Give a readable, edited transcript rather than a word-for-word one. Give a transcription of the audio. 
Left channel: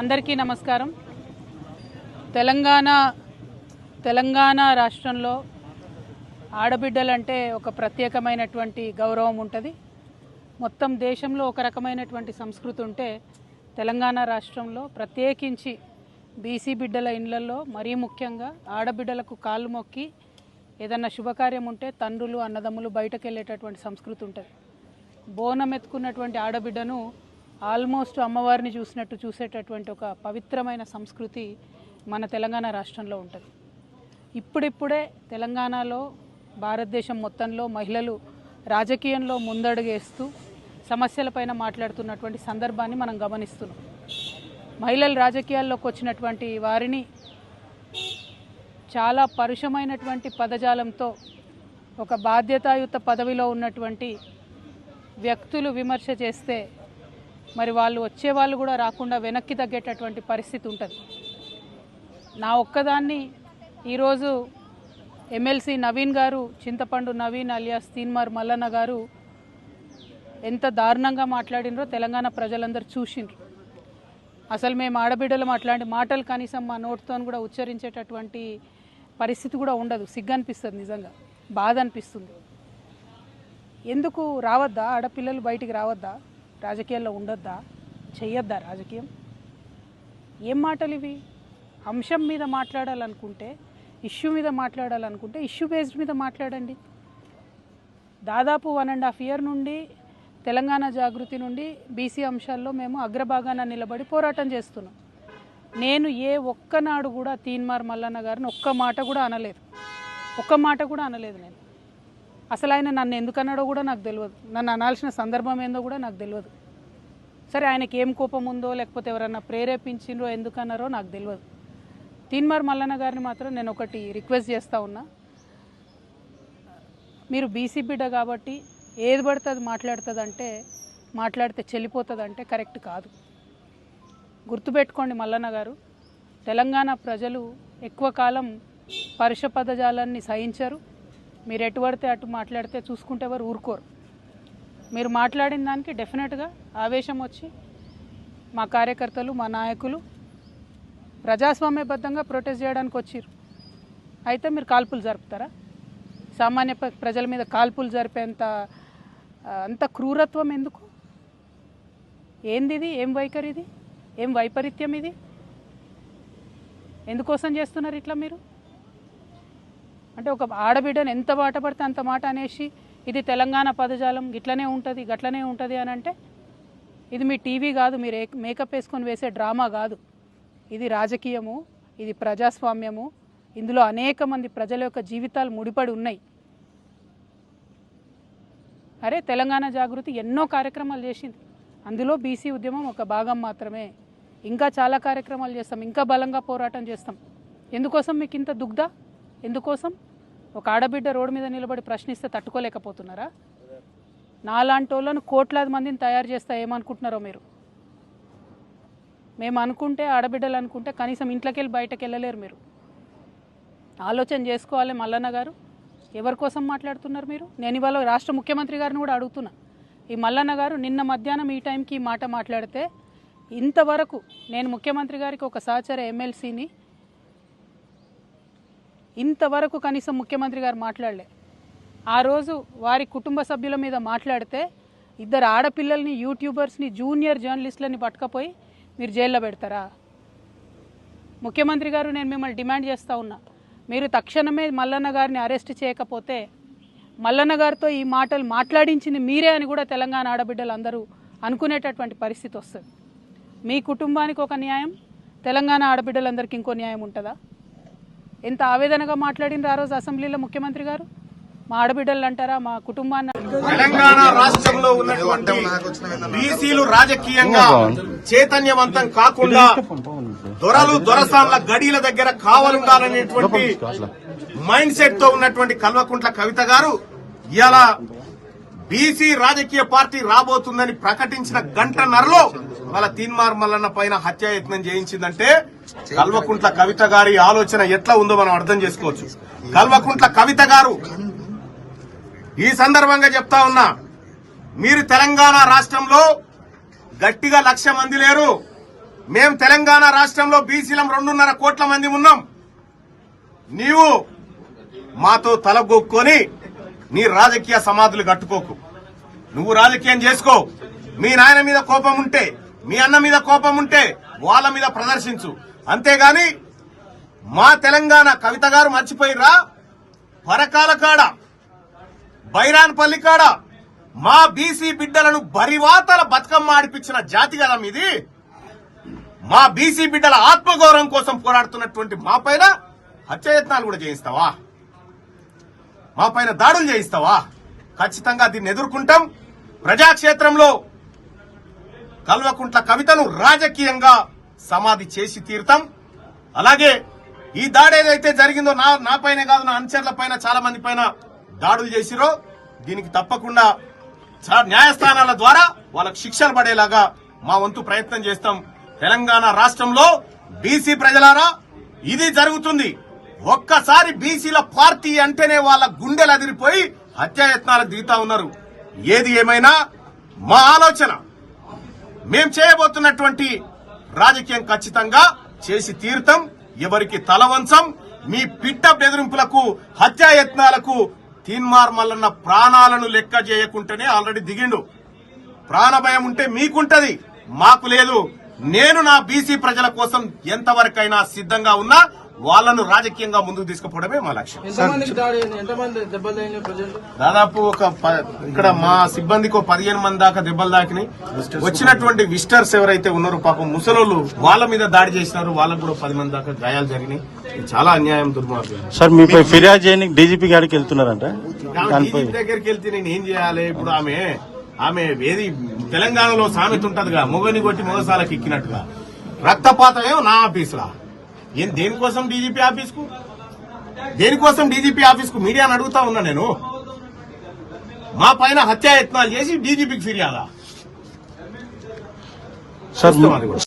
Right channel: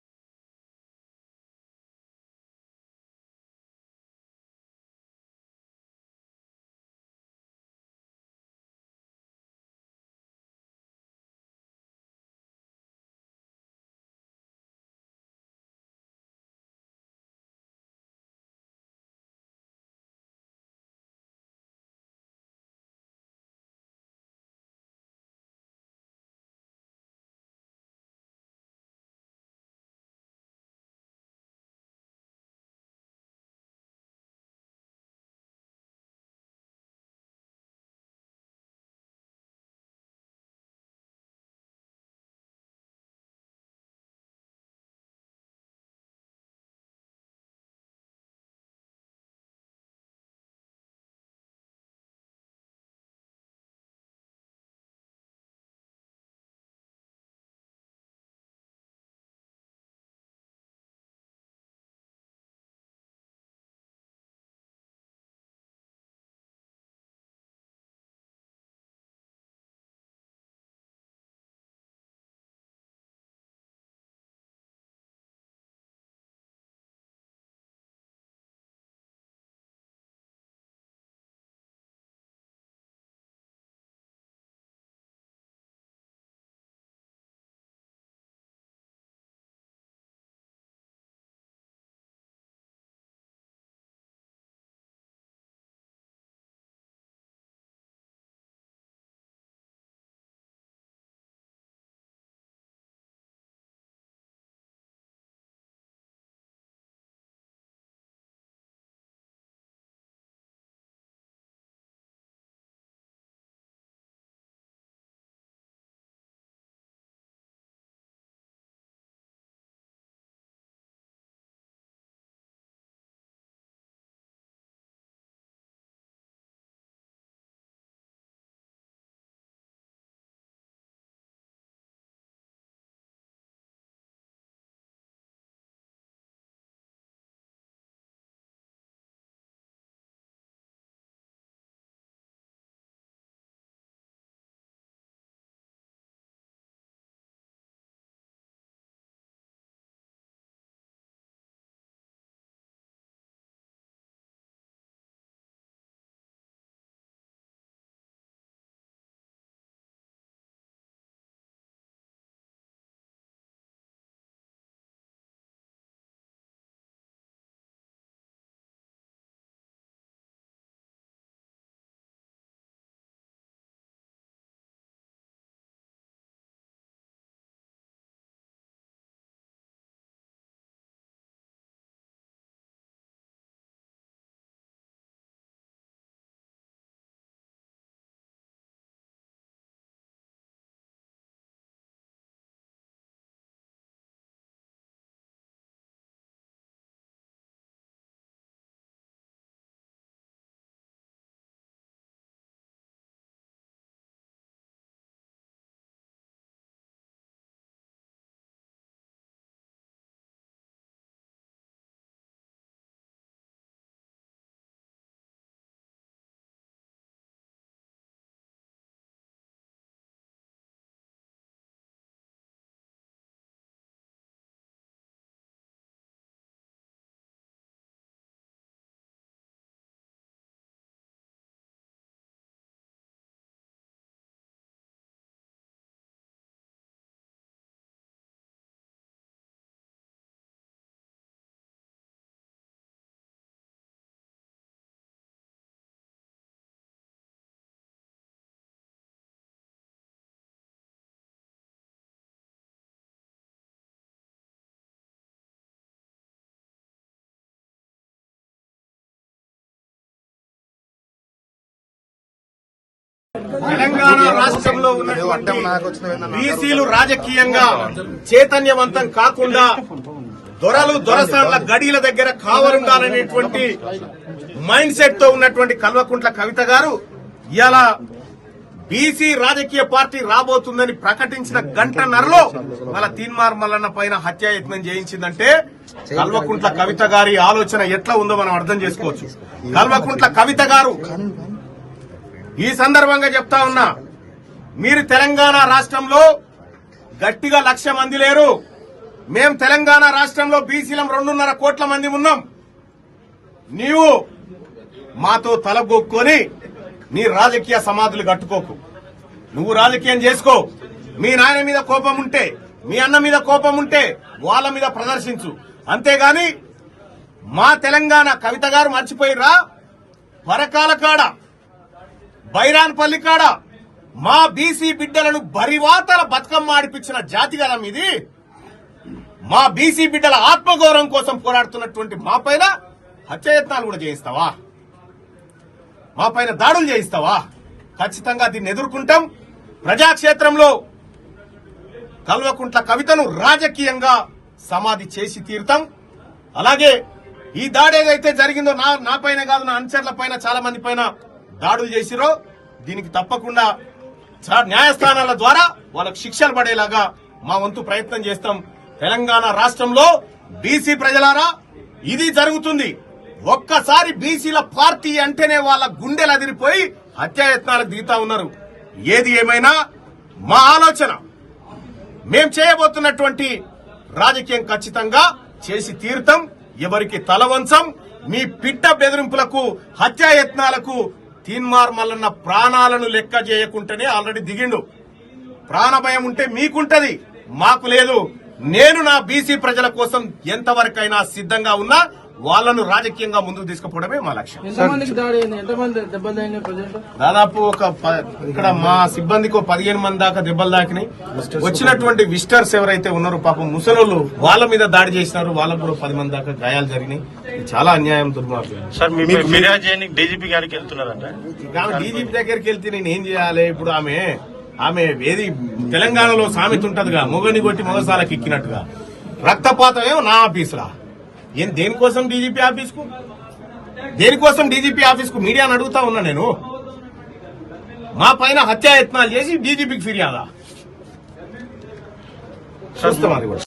అందరికీ నమస్కారం. తెలంగాణ రాష్ట్రంలో ఆడబిడ్డలంటే ఒక ప్రత్యేకమైనటువంటి గౌరవం ఉంటుంది. మొత్తం దేశంలో ఒక రకమైనటువంటి సంస్కృతి ఉంటే తెలంగాణ రాష్ట్రంలో ప్రత్యేకించి బీసీ బిడ్డల ఇళ్లలో మరీ ముఖ్యంగా ఆడబిడ్డలకు కాళ్ళు మొక్కి ఏదన్నా శుభకార్యం ఉంటే తండ్రులు అన్నదమ్ములు బయటకు వెళ్ళేటటువంటి సంస్కృతి ఉంటుంది. బోనం ఎత్తుకున్నటువంటి ఆడబిడ్డను ఆల్మోస్ట్ అమ్మవారిని చూసినట్టు చూసేటటువంటి ఒక పవిత్రమైన సంస్కృతి మన తెలంగాణ రాష్ట్రంలో ఉంటుంది. ఇప్పుడిప్పుడే తెలంగాణలో భారతదేశం మొత్తంలో మహిళలు రాజకీయంలో ముందడుగేస్తూ సమస్యలపైన మాట్లాడుతున్నటువంటి సందర్భాన్ని మనం గమనిస్తున్నాం. మహిళలు రాజకీయాల్లోకి వచ్చినటువంటి వారిని చాలా పరుషమైనటువంటి పదజాలంతో ఒక బాధ్యతాయుత పదవిలో ఉన్నటువంటి వ్యక్తులు విమర్శ చేస్తే మరి వాళ్ళు వచ్చేవాళ్ళు కూడా రాకుండా వెనక్కి తగ్గేటటువంటి పరిస్థితి ఉంటుంది. నా ఒక్కదాన్ని ఈరోజు ఎమ్మెల్సీ నవీన్ గారు, చింతపండు నవీన్ అలియాస్ తీన్మార్ మల్లన్న గారు ఎంత దారుణంగా మాట్లాడినరో తెలంగాణ ప్రజలందరూ చూసిండ్రు. అసలు మేము ఆడబిడ్డలు అట్లాంటి మాటలు కనీసం మా నోటితో కూడా ఉచ్చరించేటటువంటి పరిస్థితి కూడా ఉండదు. సిగ్గనిపిస్తుంది, నిజంగా బాధ అనిపిస్తుంది. ఎందుకు రావద్దా ఆడపిల్లలు బయటికి రావద్దా? రాజకీయాల్లో ఉండొద్దా? చెయ్యొద్దా రాజకీయం? ఏం మాటలు ఇవి? అంశం మీద మాట్లాడాలనుకుంటే, ఇష్యూ మీద మాట్లాడాలనుకుంటే ఇష్యూ బేస్డ్ మీద మాట్లాడండి. దాదాపు 1.5 year నుండి తెలంగాణ జాగృతి నుండి బీసీ అంశాల్లో మేము అగ్రభాగాన నిలబడి పోరాటం చేస్తున్నాం. నేను ఏ ఒక్కనాడు కూడా తీన్మార్ మల్లన్న గారిని ఒక్క మాట కూడా అనలేదు. నేను అసలు ఆయన నన్ను ఎందుకన్నాడో కూడా నాకు తెలియదు. నన్ను అనాల్సిన సందర్భం ఏందో కూడా నాకు తెలియదు. సరే, ఆయనకి ఏం కోపం ఉందో లేకపోతే ఎవరన్నా ప్రేరేపించిండ్రో ఎందుకన్నారో నాకు తెలియదు. తీన్మార్ మల్లన్న గారిని మాత్రం నేను ఒకటి రిక్వెస్ట్ చేస్తూ ఉన్నా. మీరు బీసీ బిడ్డ కాబట్టి ఏది పడితే అది మాట్లాడితే చెల్లిపోతుందంటే కరెక్ట్ కాదు. గుర్తుపెట్టుకోండి మల్లన్న గారు, తెలంగాణ ప్రజలు ఎక్కువ కాలం పరుష పదజాలాన్ని సహించరు. మీరు ఎటు పడితే అటు మాట్లాడితే చూసుకుంటే ఎవరు ఊరుకోరు. మీరు మాట్లాడిన దానికి డెఫినెట్గా ఆవేశం వచ్చి మా కార్యకర్తలు, మా నాయకులు ప్రజాస్వామ్యబద్ధంగా ప్రొటెస్ట్ చేయడానికి వచ్చారు. అయితే మీరు కాల్పులు జరుపుతారా? సామాన్య ప్రజల మీద కాల్పులు జరిపేంత అంత క్రూరత్వం ఎందుకు? ఏంది ఇది? ఏం వైఖరి ఇది? ఏం వైపరీత్యం ఇది? ఎందుకోసం చేస్తున్నారు ఇట్లా మీరు? అంటే ఒక ఆడబిడ్డను ఎంత మాట పడితే అంత మాట అనేసి ఇది తెలంగాణ పదజాలం గిట్లనే ఉంటుంది గట్లనే ఉంటుంది అని అంటే ఇది మీ టీవీ కాదు, మీరు మేకప్ వేసుకొని వేసే డ్రామా కాదు. ఇది రాజకీయము, ఇది ప్రజాస్వామ్యము. ఇందులో అనేక మంది ప్రజల యొక్క జీవితాలు ముడిపడి ఉన్నాయి. అరే, తెలంగాణ జాగృతి ఎన్నో కార్యక్రమాలు చేసింది. అందులో బీసీ ఉద్యమం ఒక భాగం మాత్రమే. ఇంకా చాలా కార్యక్రమాలు చేస్తాం, ఇంకా బలంగా పోరాటం చేస్తాం. ఎందుకోసం మీకు ఇంత దుగ్ధ? ఎందుకోసం? ఒక ఆడబిడ్డ రోడ్డు మీద నిలబడి ప్రశ్నిస్తే తట్టుకోలేకపోతున్నారా? నాలాంటి వాళ్ళను కోట్లాది మందిని తయారు చేస్తా ఏమనుకుంటున్నారో మీరు? మేము అనుకుంటే, ఆడబిడ్డలు అనుకుంటే కనీసం ఇంట్లోకి వెళ్ళి బయటకు వెళ్ళలేరు. మీరు ఆలోచన చేసుకోవాలి. మల్లన్న గారు, ఎవరి కోసం మాట్లాడుతున్నారు మీరు? నేను ఇవాళ రాష్ట్ర ముఖ్యమంత్రి గారిని కూడా అడుగుతున్నా. ఈ మల్లన్న గారు నిన్న మధ్యాహ్నం ఈ టైంకి ఈ మాట మాట్లాడితే ఇంతవరకు నేను ముఖ్యమంత్రి గారికి ఒక సహచర ఎమ్మెల్సీని ఇంతవరకు కనీసం ముఖ్యమంత్రి గారు మాట్లాడలే. ఆ రోజు వారి కుటుంబ సభ్యుల మీద మాట్లాడితే 2 ఆడపిల్లల్ని, యూట్యూబర్స్ని, జూనియర్ జర్నలిస్టులని పట్టుకపోయి మీరు జైల్లో పెడతారా? ముఖ్యమంత్రి గారు, నేను మిమ్మల్ని డిమాండ్ చేస్తూ ఉన్నా, మీరు తక్షణమే మల్లన్న గారిని అరెస్ట్ చేయకపోతే మల్లన్న గారితో ఈ మాటలు మాట్లాడించింది మీరే అని కూడా తెలంగాణ ఆడబిడ్డలు అందరూ అనుకునేటటువంటి పరిస్థితి వస్తుంది. మీ కుటుంబానికి ఒక న్యాయం, తెలంగాణ ఆడబిడ్డలందరికీ ఇంకో న్యాయం ఉంటుందా? ఎంత ఆవేదనగా మాట్లాడినారు ఆ రోజు అసెంబ్లీలో ముఖ్యమంత్రి గారు. మా ఆడబిడ్డలు అంటారా, మా కుటుంబాన్ని. తెలంగాణ రాష్ట్రంలో ఉన్నటువంటి బీసీలు రాజకీయంగా చైతన్యవంతం కాకుండా దొరసార్ల గడిల దగ్గర కావలుండాలనేటువంటి మైండ్ సెట్ తో ఉన్నటువంటి కల్వకుంట్ల కవిత గారు ఇవాళ బీసీ రాజకీయ పార్టీ రాబోతుందని ప్రకటించిన గంటన్నరలో వాళ్ళ తీన్మార్ మల్లన్న పైన హత్యాయత్నం చేయించిందంటే కల్వకుంట్ల కవిత గారి ఆలోచన ఎట్లా ఉందో మనం అర్థం చేసుకోవచ్చు. కల్వకుంట్ల కవిత గారు ఈ సందర్భంగా చెప్తా ఉన్నా, మీరు తెలంగాణ రాష్ట్రంలో గట్టిగా 1,00,000 మంది లేరు, మేం తెలంగాణ రాష్ట్రంలో బీసీలం 2.5 కోట్ల మంది ఉన్నాం. నీవు మాతో తలగొక్కొని నీ రాజకీయ సమాధులు కట్టుకోకు. నువ్వు రాజకీయం చేసుకో. మీ నాయన మీద కోపం ఉంటే, మీ అన్న మీద కోపం ఉంటే వాళ్ళ మీద ప్రదర్శించు. అంతేగాని మా తెలంగాణ కవిత గారు మర్చిపోయిరా, పరకాల కాడ, బైరాన్పల్లి కాడ మా బీసీ బిడ్డలను బరివాతల బతుకమ్మ ఆడిపించిన జాతి కదా మీది. మా బీసీ బిడ్డల ఆత్మగౌరవం కోసం పోరాడుతున్నటువంటి మా పైన హత్యాయత్నాలు కూడా చేయిస్తావా? మా పైన దాడులు చేయిస్తావా? ఖచ్చితంగా దీన్ని ఎదుర్కొంటాం. ప్రజాక్షేత్రంలో కల్వకుంట్ల కవితను రాజకీయంగా సమాధి చేసి తీరుతాం. అలాగే ఈ దాడి ఏదైతే జరిగిందో నా పైన కాదు, నా అనుచరుల పైన, చాలా మంది పైన దాడులు చేసిరో దీనికి తప్పకుండా న్యాయస్థానాల ద్వారా వాళ్ళకు శిక్షలు పడేలాగా మా వంతు ప్రయత్నం చేస్తాం. తెలంగాణ రాష్ట్రంలో బీసీ ప్రజలారా ఇది జరుగుతుంది. ఒక్కసారి బీసీల పార్టీ అంటేనే వాళ్ళ గుండెలు అదిరిపోయి హత్యాయత్నాలకు దిగుతా ఉన్నారు. ఏది ఏమైనా మా ఆలోచన, మేం చేయబోతున్నటువంటి రాజకీయం ఖచ్చితంగా చేసి తీరుతాం. ఎవరికి తల వంచం. మీ పిట్ట బెదిరింపులకు, హత్యాయత్నాలకు తీన్మార్ మల్లన్న ప్రాణాలను లెక్క చేయకుంటేనే ఆల్రెడీ దిగిండు. ప్రాణభయం ఉంటే మీకుంటది, మాకు లేదు. నేను నా బీసీ ప్రజల కోసం ఎంతవరకైనా సిద్ధంగా ఉన్నా. వాళ్ళను రాజకీయంగా ముందుకు తీసుకుపోవడమే మా లక్ష్యం. దాదాపు ఇక్కడ మా సిబ్బందికి 15 మంది దాకా దెబ్బలు తాకినాయి. వచ్చినటువంటి విజిటర్స్ ఎవరైతే ఉన్నారో పాపం ముసలోళ్ళు, వాళ్ళ మీద దాడి చేసినారు. వాళ్ళకు కూడా 10 మంది దాకా గాయాలు జరిగినాయి. చాలా అన్యాయం, దుర్మార్గం. సార్ మీపై ఫిర్యాదు చేయని డీజీపీ గారికి వెళ్తున్నారంట. డీజీపీ దగ్గరికి వెళ్తే నేను ఏం చేయాలి ఇప్పుడు? ఆమె ఏది తెలంగాణలో సామెత ఉంటదిగా, మొగని కొట్టి మొగసాలకు ఎక్కినట్టుగా. రక్తపాతం ఏమో నా ఆఫీసులా? దేనికోసం డీజీపీ ఆఫీస్కు? దేనికోసం డీజీపీ ఆఫీస్కు మీడియాను అడుగుతా ఉన్నా నేను. మా పైన హత్యాయత్నాలు చేసి డీజీపీకి ఫిర్యాదా?